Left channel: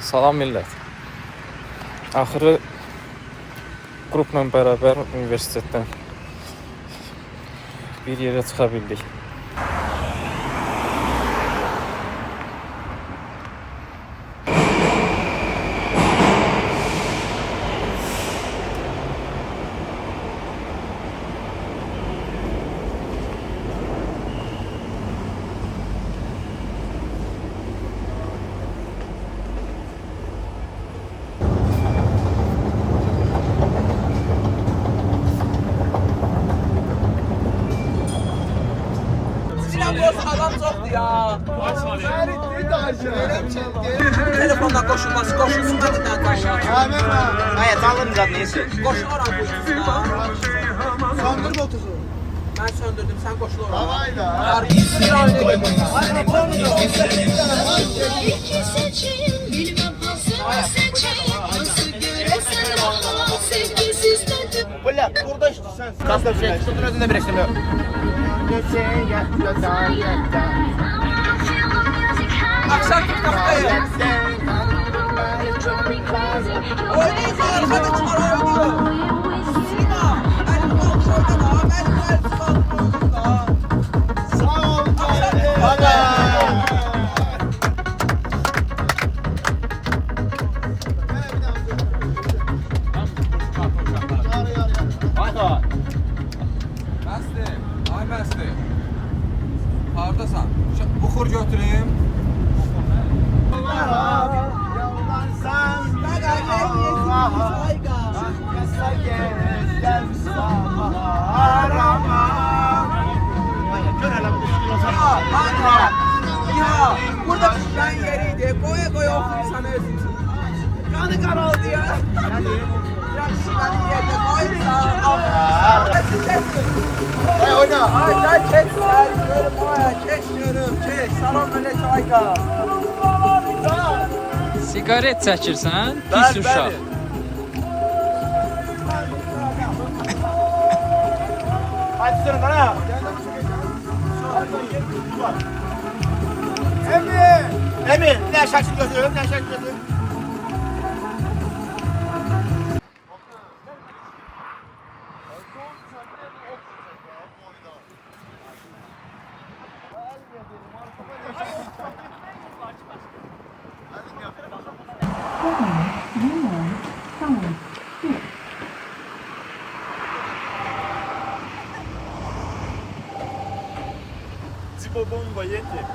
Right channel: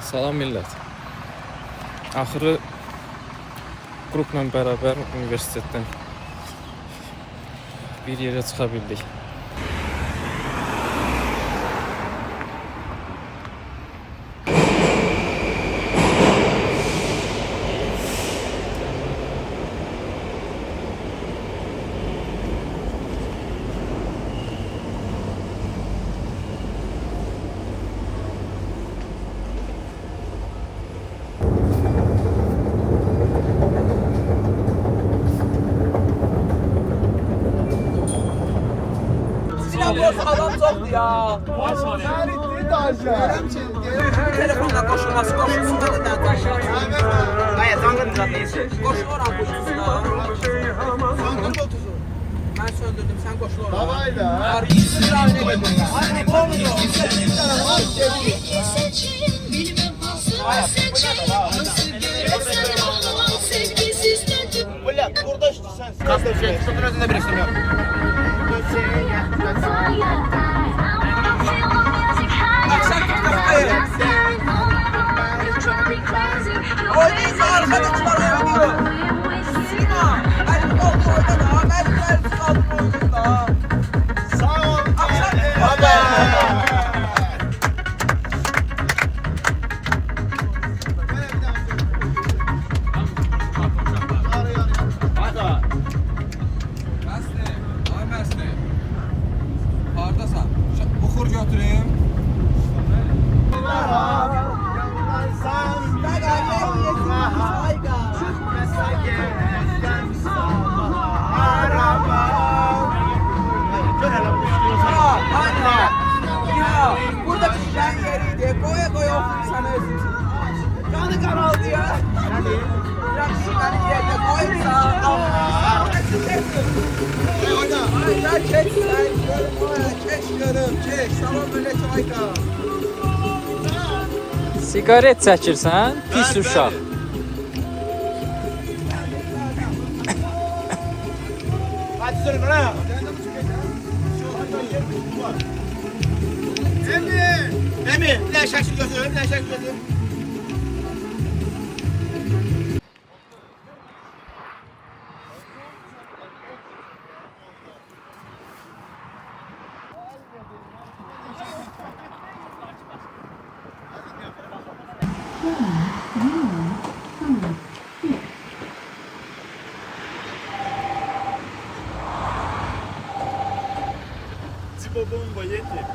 Salam millət. Axırı qrupla bərabər universitetdən bir yerə çıxa bildik. Adam çoktu ya. Telefonla koşulması koşulsun da neden koşuyor? Hayır, tanrım zaten. Koşul oran koşulsun da. Sandın 30'u. Ben söndürdüm, sen koşul oran. Havayla ha. Hayır, olmuyor. Burada işte sen. Kaslar şöyle. Şunun önünde bir işlem yok. Akşam tutmaktayım. Oynayın arkadaşlar ayağı gibi. Sina, ben kontrolde daha, ben kontrolde daha. Sağ ol. Akşam tutmaktayım. Bəsdir, ay bəsdir. Hardasan? Buxur götüreyim. Burada ben yeriydi. Koya koya okuyun sana özüm. Kanı karaldı ya. Yaşlıdan yerde koysa. Oyna. Ay çek görüm. Salam aleyküm Ayka. Sigaret çəkirsən, pis uşaq. Hadi sürün bana. Emir, ne şakir götürüyorum, ne şakir götürüyorum. Типа бомба едет.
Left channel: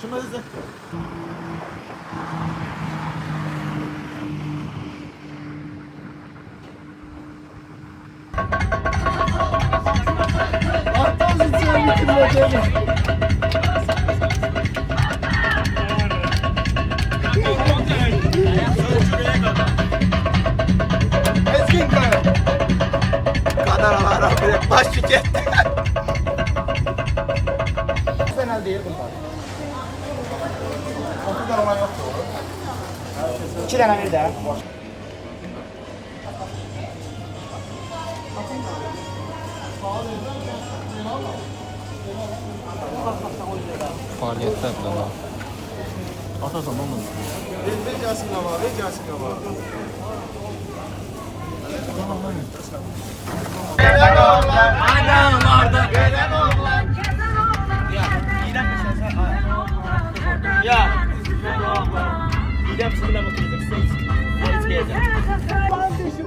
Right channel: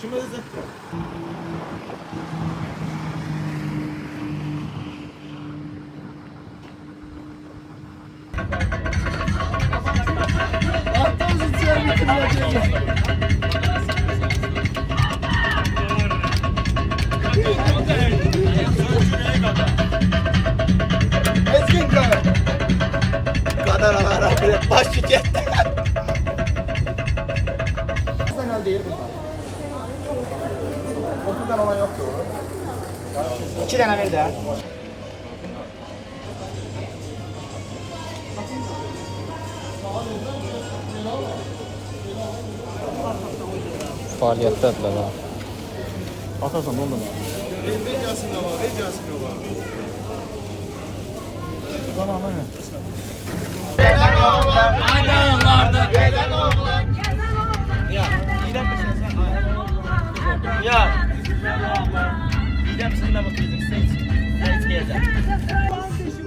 Чему это? Kadar Allah baş tüket. Sen değil bunlar. 30 tane olan yok. 2 tane ver daha. Fəaliyyətdə bala. Verəcəsin də var, verəcəsin də var. Tamam, tamam. Gelen oğlan, anam vardı, gelen oğlan. Ya. Gel sizinle bakayım.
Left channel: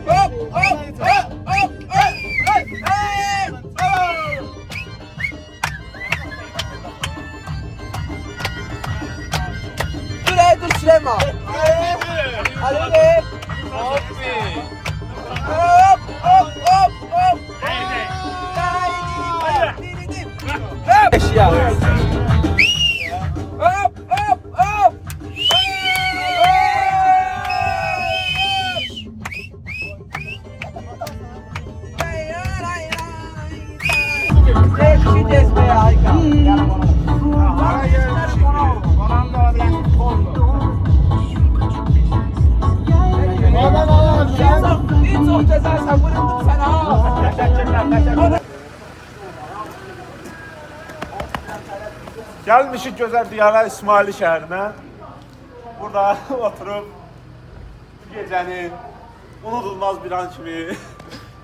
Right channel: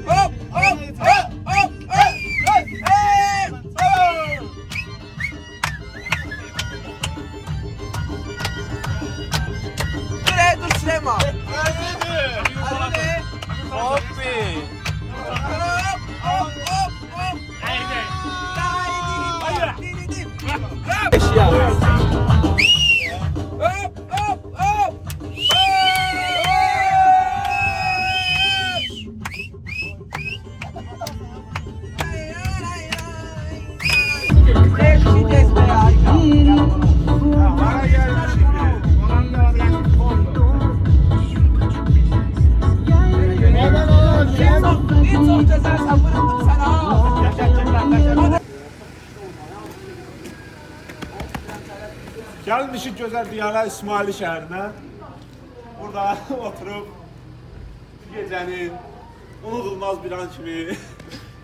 Hop hop hop hop hop. Buraya düşüreme. Hadi be. Hop hop hop hop. Eşya. Hop hop hop. Vites be harika. Bana gelmiş. Bana da bırak. Oldu. Neden oğlum? Gəlmişik gözəl diyarə İsmaili şəhərinə. Burada oturub bu gecənin unudulmaz bir an kimi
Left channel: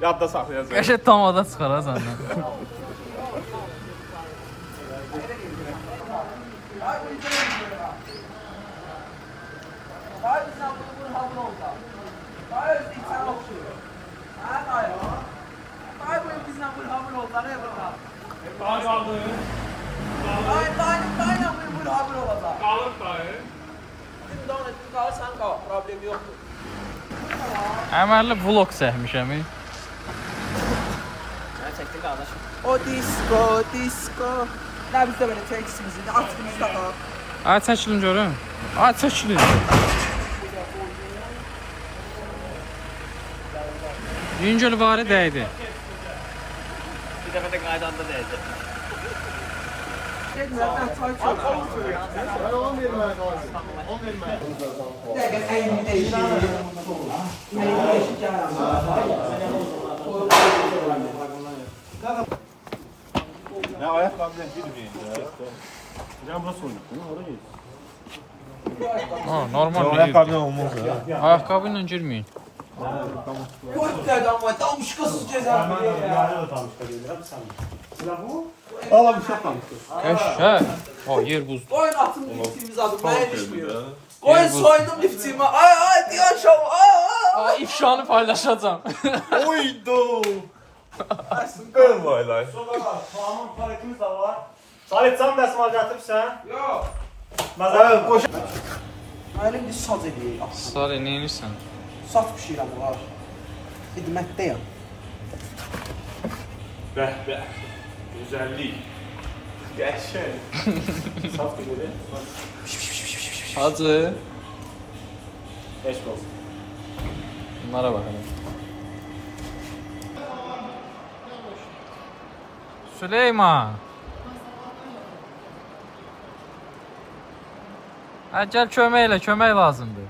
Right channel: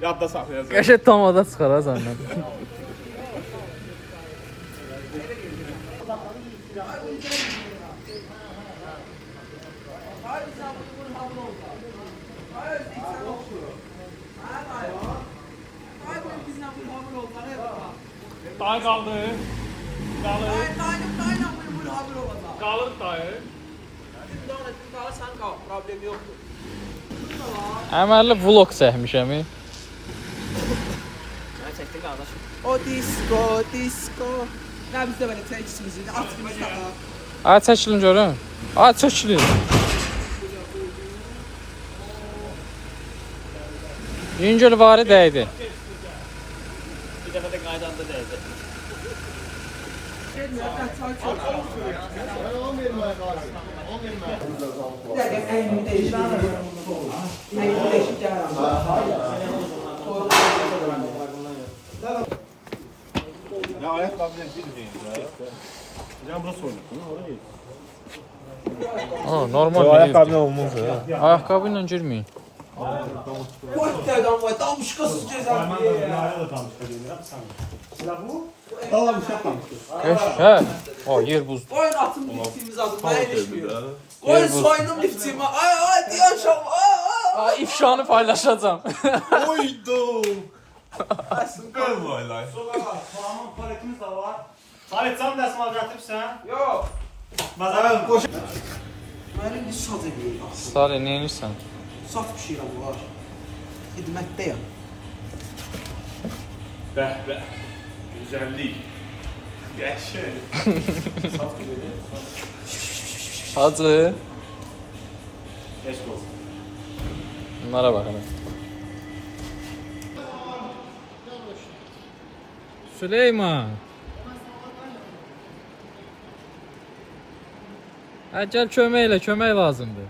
yadda saxlayacağıq. Qəşəng tamada çıxar ha səndən. Hayır sen bunu hamur oldu. Hayır sen okuyor. Hayır. Hayır bu bizden bu hamur oldu. Ne yapalım? Hayır bu hamur oldu. Qalır dayı. Şimdi ona tüm kalırsan kal. Problem yoktur. Əməlli vlog çəkmişəm. O disco. Ne biz de böyle seks müziği. Aksimiz takar. A çəkilin görün. A çəkilin. Yüngül varı dəydi. Nereden çay içiyorlar? Bir dakika en değişik. En değişik Nə ayaqqabıyla girməyin. Can bas oynasın, oraya. Normal. Ayaqqabıyla olmaz. Ayaqqabı ilə girməyin. Kuvvetlerden var. Tam şıkasız ceza. Eşə. Ha, yer buz. Koyun atın liftimiz adımına yetişmiyor. Koyun soydum liftimi. Ay diyor şov. Ay. İfşanı paylaşacağım. Oydu. Süper baylar. Tamam paletimiz de var. Sahip can dəsmal gətiribsən? Yok. Məsələn, qoş. Ailen biz saz ediyor. Sarı neymişsən? Saz pişiren var. Hizmetteyim. Bəh. Güzellik. Gerçek. Hacı. Beş olsun. Bunlara bakalım. Süleyman. Ha, gəl kömək elə, kömək lazımdır.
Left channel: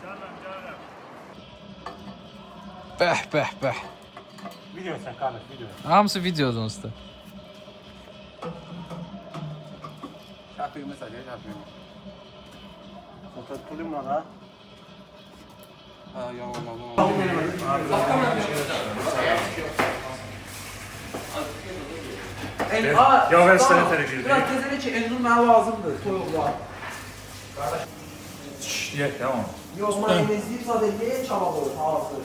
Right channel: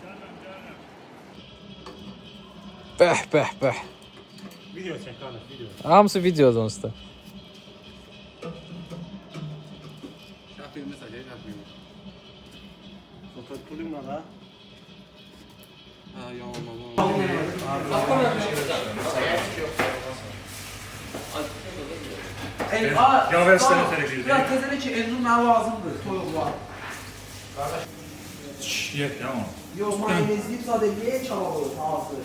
Bəh. Video çək, qardaş, video. Hamısı videodan usta. Şarkıyı mesela, yazmıyor. Oturtuluyum da. Ha, yalan. Yok, işte ne söyleyeceğim. Ya tezene ki elini ben lazımdır. Koyullar. Ye, tamam. Yok mayonezli sadeliğe çalalım. Ağzı.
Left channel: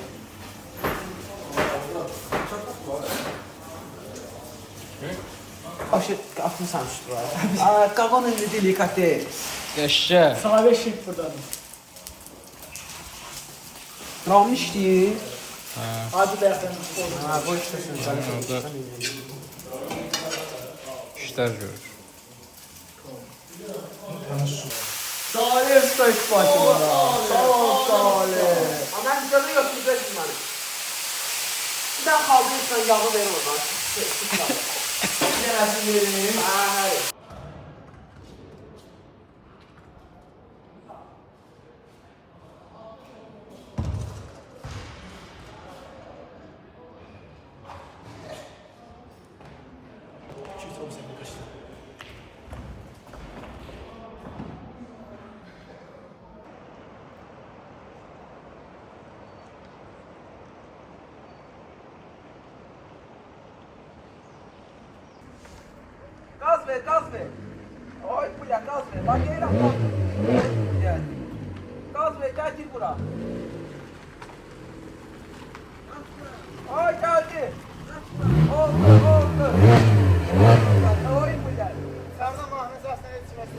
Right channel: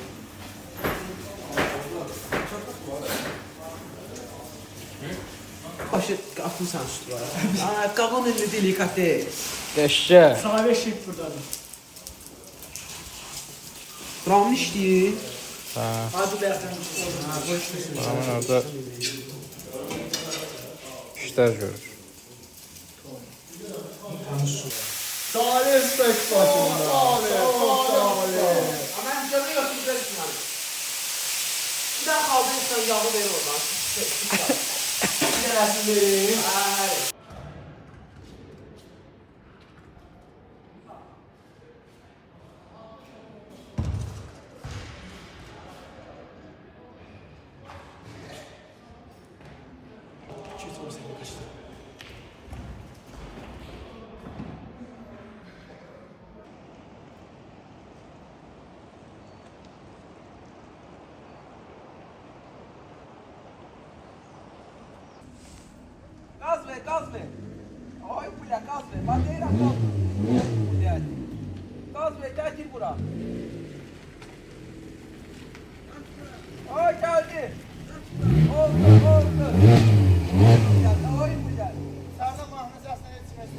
Başı atmışsan şu var. Kavon önünde delikate. Qəşə. Sana 5 şif buradan. Ramış değil. Hadi dersen. Ha boş versin. Orada işlər görür. Salih Usta iş başımda. Çok Salih. Aman canı yok güzel bunları. Bir daha kaldıysan yağı ver oradan. Gelsin. Hayır. Gaz ver. Oy buraya gaz ver. Bak gel lan. Gel. Gaz ver gel gir bura. Oy geldi. Oldu. Oy buraya. Karda mahnecasına yetişmesi.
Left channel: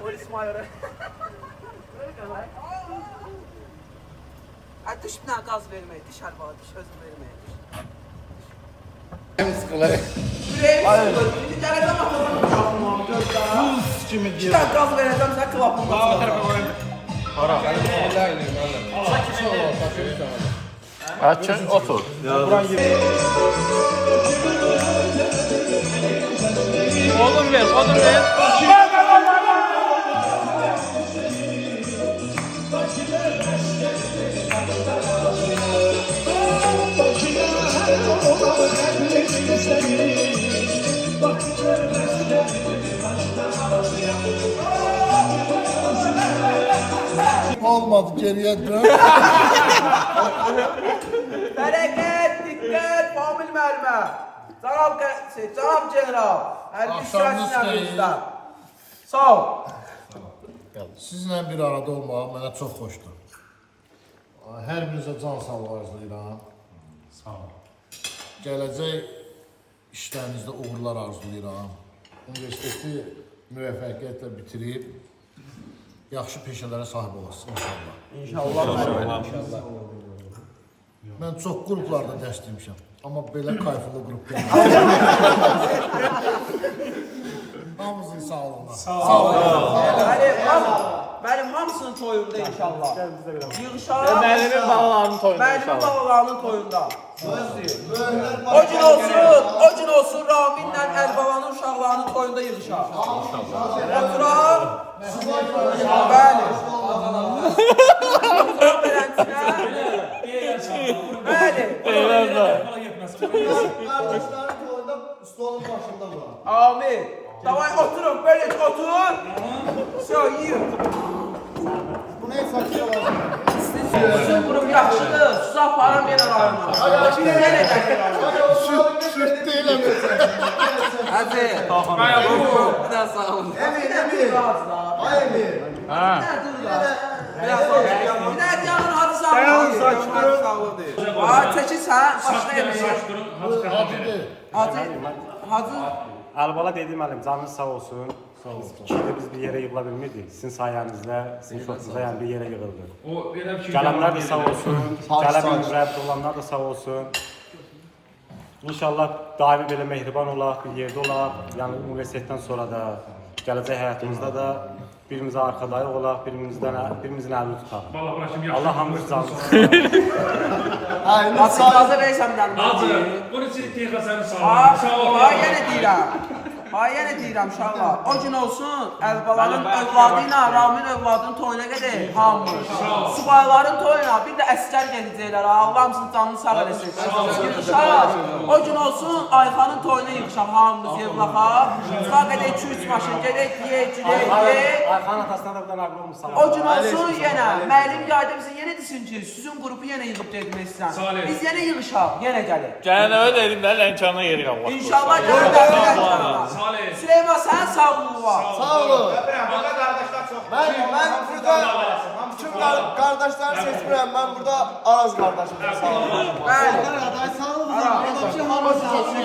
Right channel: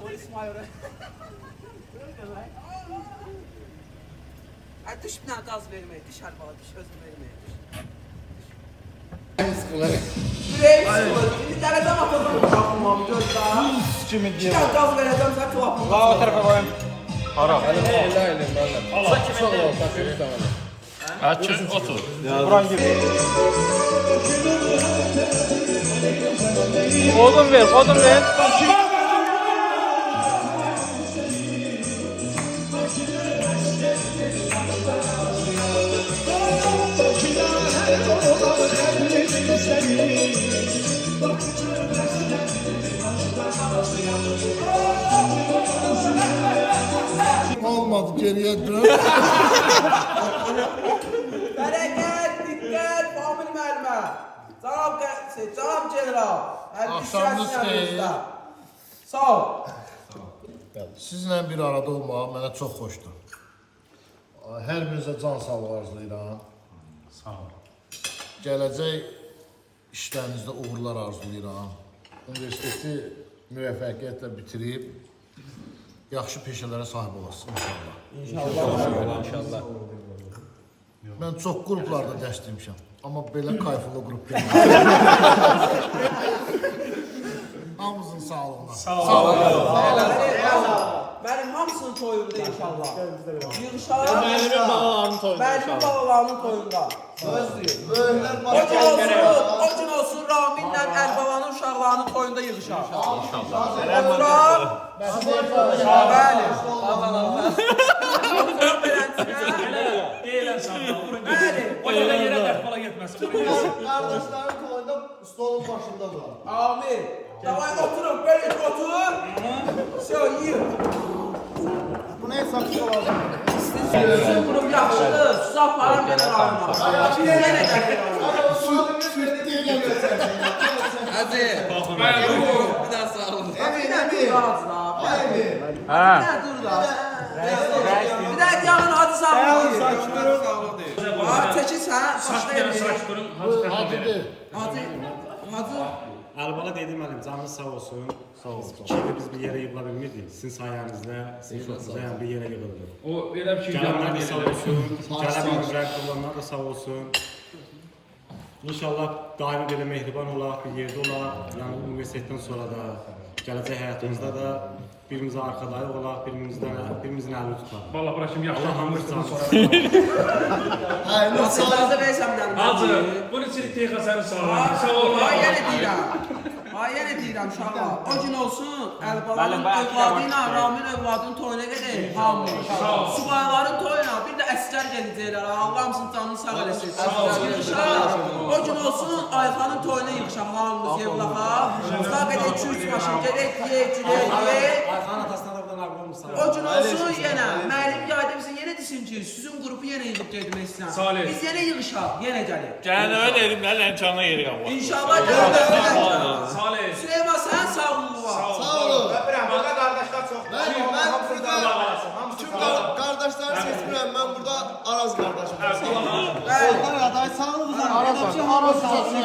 Polis mayörü. Ay dışına gaz vermeyi, dışarı bana diş özüm vermeyi. Bir tane daha bakalım. Kimi Bir tane gaz vereceğim, sen klapını da Açın, otur. Oğlum be, Olmadı, geriye dön. Bərəkət, diqqət, Famil müəllimə. Cənab general. Axşamınız xeyir. Sağ ol. Sizlə bir arada olmaq mənə çox xoşdur. Hər birinizə can sağlığı arzulayıram. Sağ ol. Gələcək işlərinizdə uğurlar arzulayıram. Universiteti müvəffəqiyyətlə bitirib yaxşı peşələrə sahib olasınız inşallah. İnşallah. Mən çox qruplarda dərs demişəm, amma belə kayfılı qrup deyil. Hamınızın sağlığına. Sağ olun. Mənim hamısının toyunda inşallah. Yığışar. Müəllimin balalarının toyunda Mənim inşallah. balalarının toyunda. O gün olsun Raminlə Əlbalanın uşaqlarının toyunda yığışar. Oturaq. Bəli. Oturaq beləncə. Bəli. Kardeşlerin toyunda stolun başında duran. Amin. Davay oturun, böyle oturun. Все, yiyin. Bu ne saksı olacak? Sizin grup yaxşıdır. Saf param yaralarına. Süt değilim. Hadi. Bir daha sağ olun. Emin. Ay Emin. Bir daha canın adı sağ olun. Aa, çəkil sən, başlayın. Bu acı değil. Adı? Əlbala dedim müəllim, canınız sağ olsun. Fikirdə biz bir yerə yığıla bilmirdik. Sizin sayənizdə, sizin çoxunuzda yəni bir yerə yığıldıq. Gələnlər də sağ olsun, gələ bilməyib olanlar da sağ olsun. İnşallah daimi belə mehriban olaq, bir yerdə olaq. Yəni universitetdən sonra da, gələcək həyatımızda da birimizə arxadayıq olaq, birimizin əlini tutaq. Allah hamımız canımız. Asıldadı reysemdən. Yenə deyirəm uşaqlar. O gün olsun Əlbalanın övladı ilə Ramin övladının toyuna gedək hamımız. Subayların toyuna bir də əsgər gedəcəklər. Allah hamısının canını sağ eləsin. Yığışaq. O gün olsun Ayxanın toyuna yığışaq hamımız yığılaqa. Sağ gedək 2-3 maşın gedək yeyək. Ayxanın atasına da bir ağlı olmuş. O gün olsun yenə müəllim yayda bizi yenə desin ki, sizin qrupu yenə yığıb getmək istəyən. Biz yenə yığışaq, yenə gəlin. Gələn öyle dedim ben ençanına yeri yok. İnşallah gəlin. Süleyman sen sağlığı var. Sağ olun. Ben burada tüm kardeşler seçmirəm. Ben burada Araz kardeşim. Sağ olun. Sağ olun.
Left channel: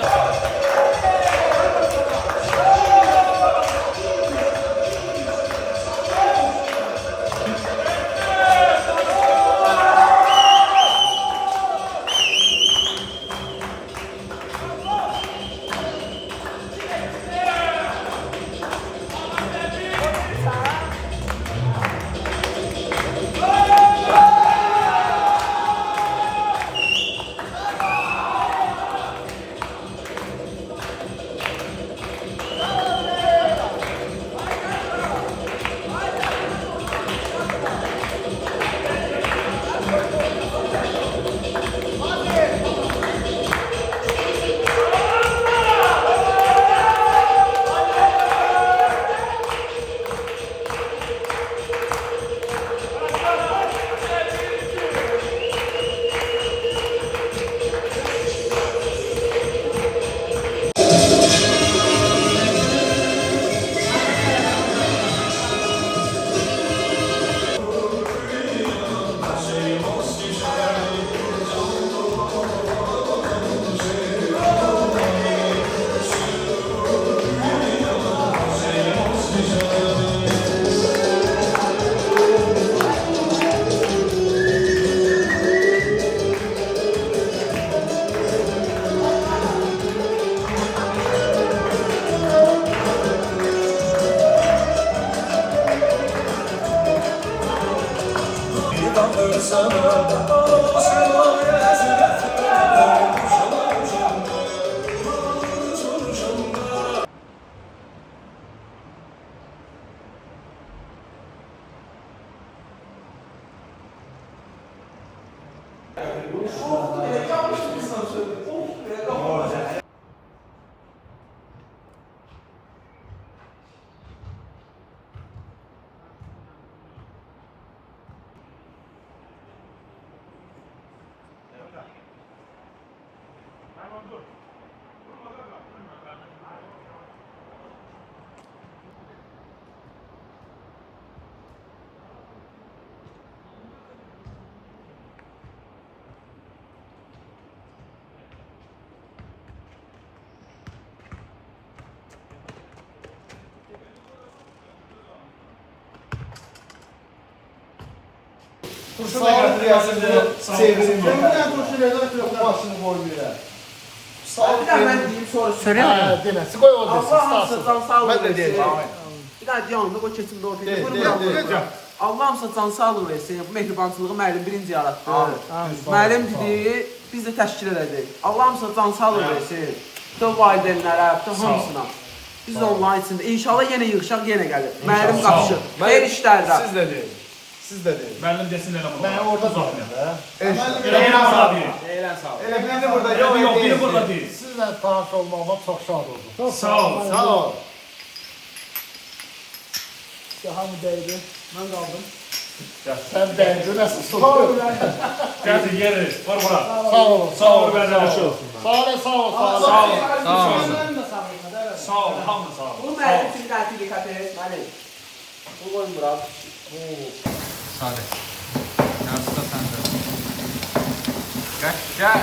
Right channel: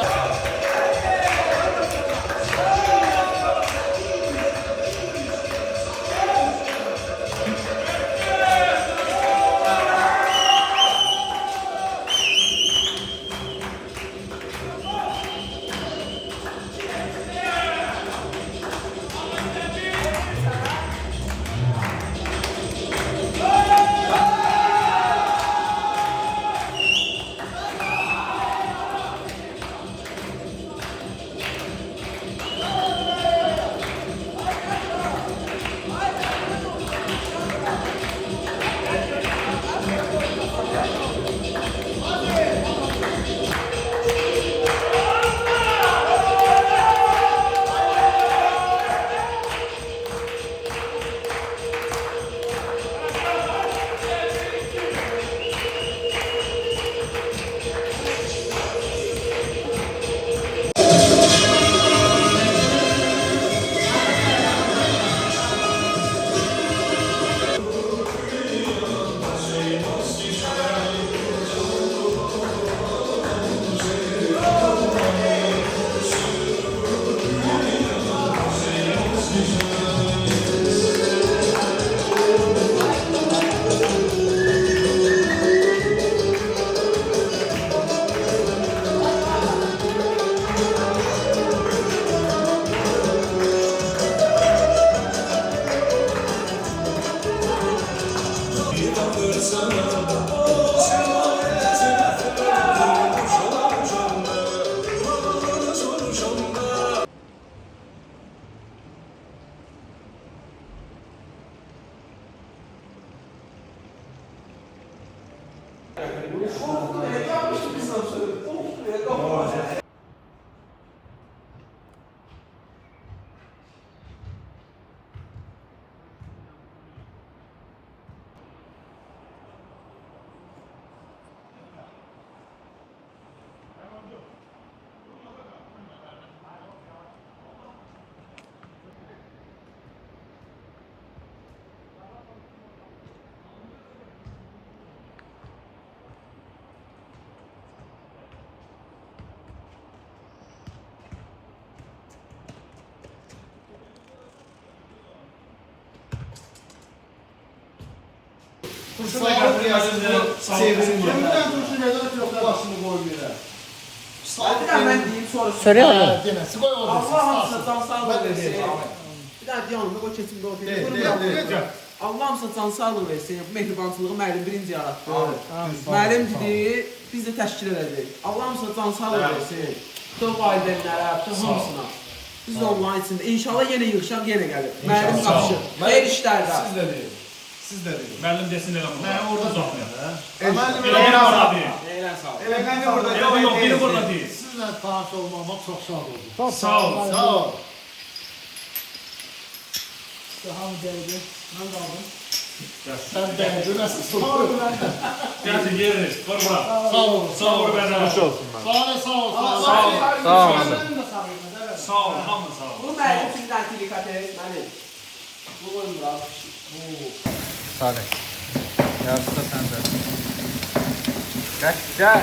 Kurşun rəyasını sevirim. Mən kurşun rəyasını başını qoymuram. Bir daha mən deyim sonra. Hə, deməsi qoy o desin. Allah hamısı can sağlığı Mən də versin. deyirəm. Bir daha yanında qoy keçimdə ortaya. De, Vur, de, vur, de, vur. de. Allah hamısı can sağlığı versin. Bu mehribançılığı müəllim birinci yaratdı. Müəllim dedi, biz də təşkil edəcəyik. Allah hamısı can sağlığı versin. Bütün valideynlərə, bütün hamısına. Biz də onların içində. İnşallah yenə yığışaq, yenə gəlir. Müəllim qapışır. Her işlərdə. Siz də deyin. Siz də deyin. Müəllim desin elə bunu. Mən orada durmuyorum da. Eylən sağ deyil. Eylən sağ ol. Biri burada Yox, yox, biri burada deyil. Sizlə tanış olmağıma çox şad oldum. Çox Sağ ol. Sağ ol. Hamı dəydi. Mən qaldım. Sən dəydin, nəsə soğuk. Gətir, yeri. Vur bura. Sağ ol. Sağ ol, bərdə olsun. Sağ ol, sağ ol. Sağ ol. Sağ ol. Sağ ol, hamı sağ ol. Bu müəllim üçün dəqiq dikkat et. Müəllim. Bu qoyun bura. Gel.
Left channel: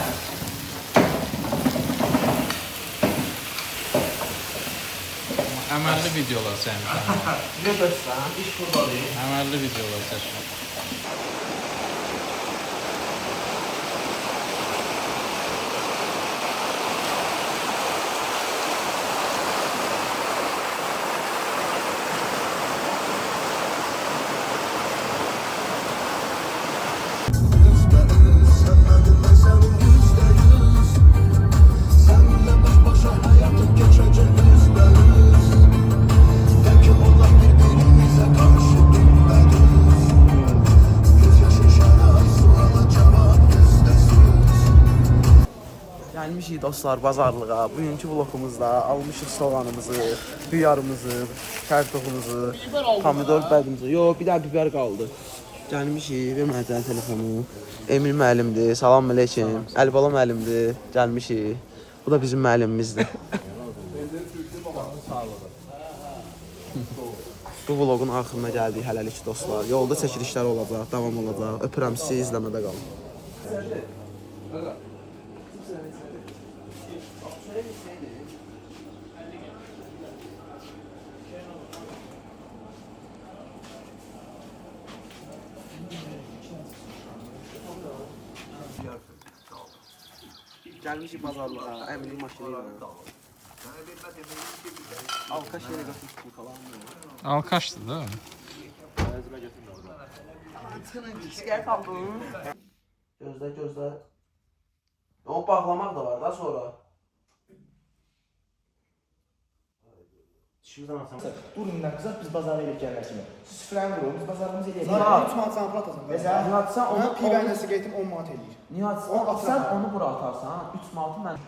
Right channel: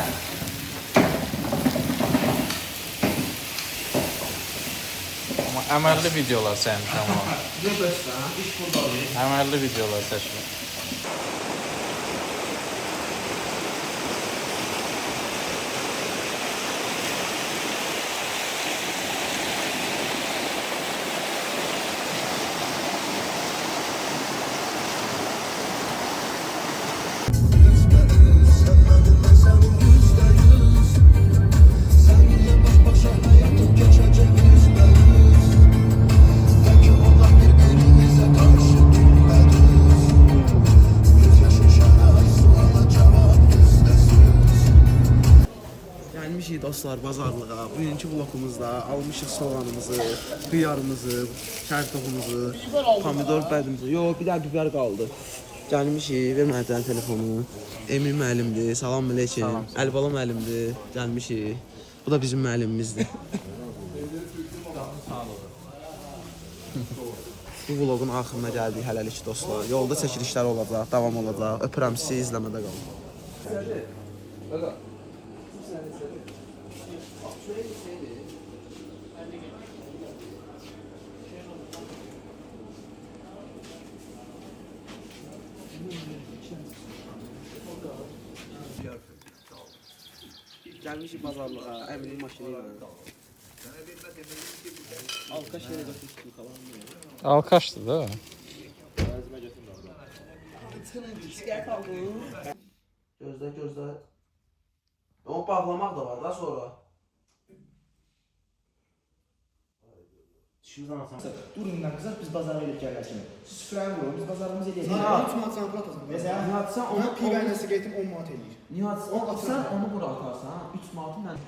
Əməlli videolar sənin. Bizə göstər. İş buradadır. Əməlli videolar seçmə. Gəlmişik dostlar bazarlığa. Bugünkü vlogumuzda almışıq soğanımızı, xiyarımızı, kartofumuzu, pomidor bədimizi. Yox, bir daha biber qaldı. Gəlmişik, ver mənə tənə telefonu. Emil müəllimdir, salam əleykum. Əlibala müəllimdir, gəlmişik. Bu da bizim müəllimimizdir. Bu vlogun axırına gəldik hələlik dostlar. Yolda çəkilişlər olacaq, davam olacaq. Öpürəm sizi, izləmədə qalın. Gəlmişik bazarlığa, əminin maşını ilə. Alkaş yerə qaçmışıq bu kalanı. Alkaşdı da. Skət aldın. Gözlə, gözlə. O bağlamaq da var da sonra. Burundan qızaq biz bazara elib gələrsiniz. Siz süfrəni vurun, biz bazarımızı eləyək. Nihat. 3 manat sana atasın. Nihat, sən Ona onu pivənlə siqaretim 10 manat eləyir. Nihat, sən onu bura atarsan, 3 manatı mən.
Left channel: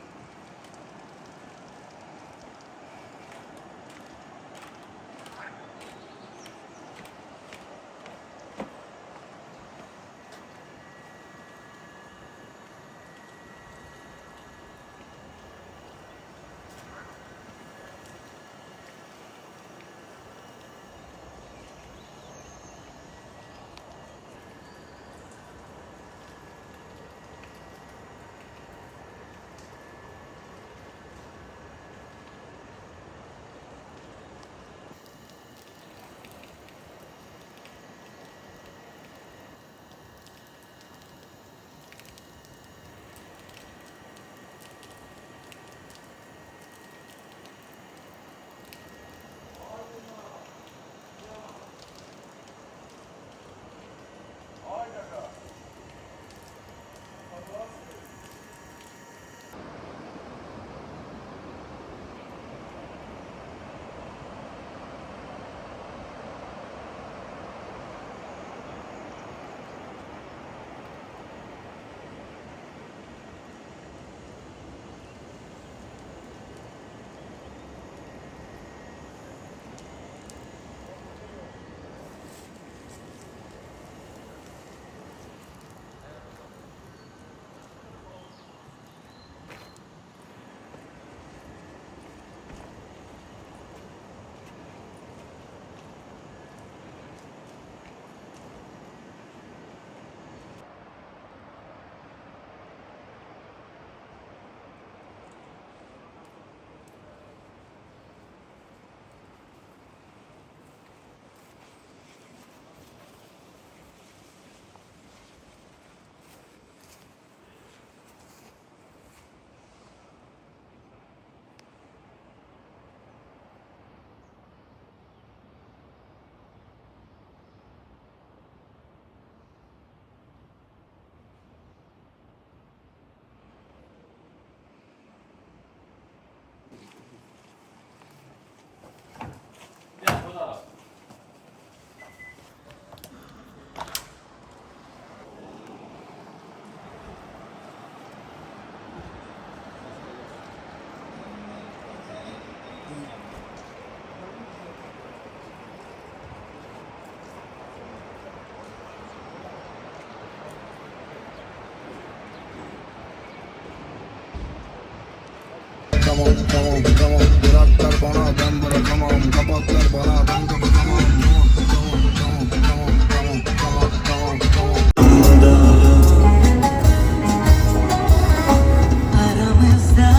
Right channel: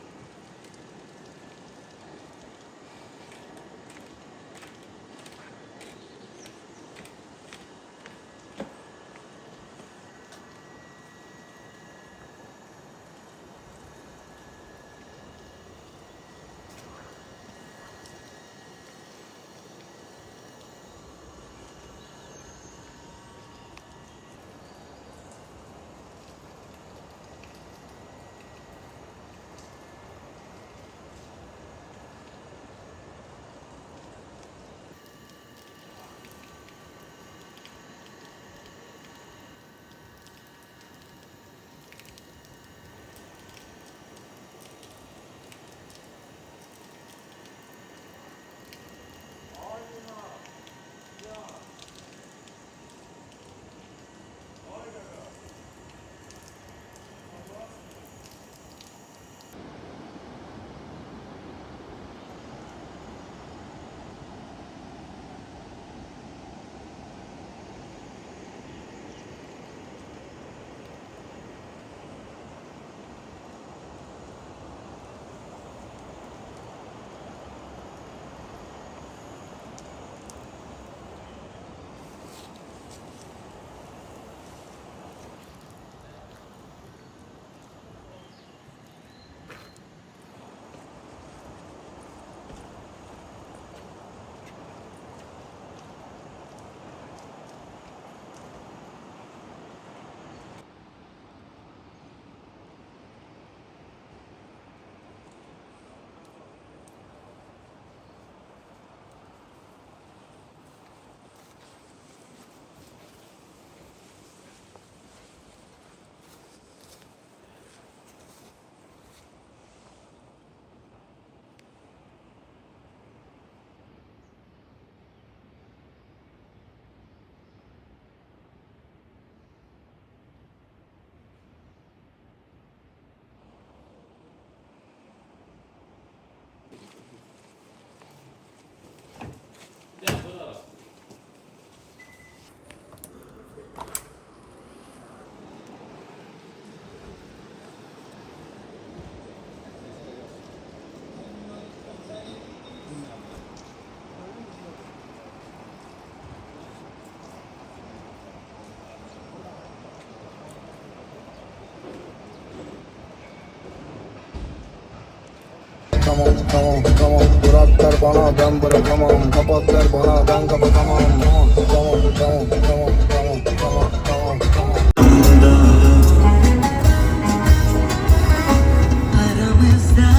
tamam tamam tamam. Bırak der bana ben bırakamam. Kapat der bana ben kapatamam. Tamam tamam tamam tamam tamam tamam tamam. Aramızda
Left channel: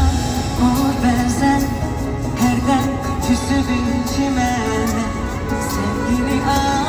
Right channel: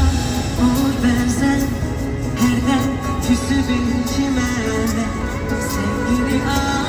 umut benzer herden küsü bir çimene sevgini al.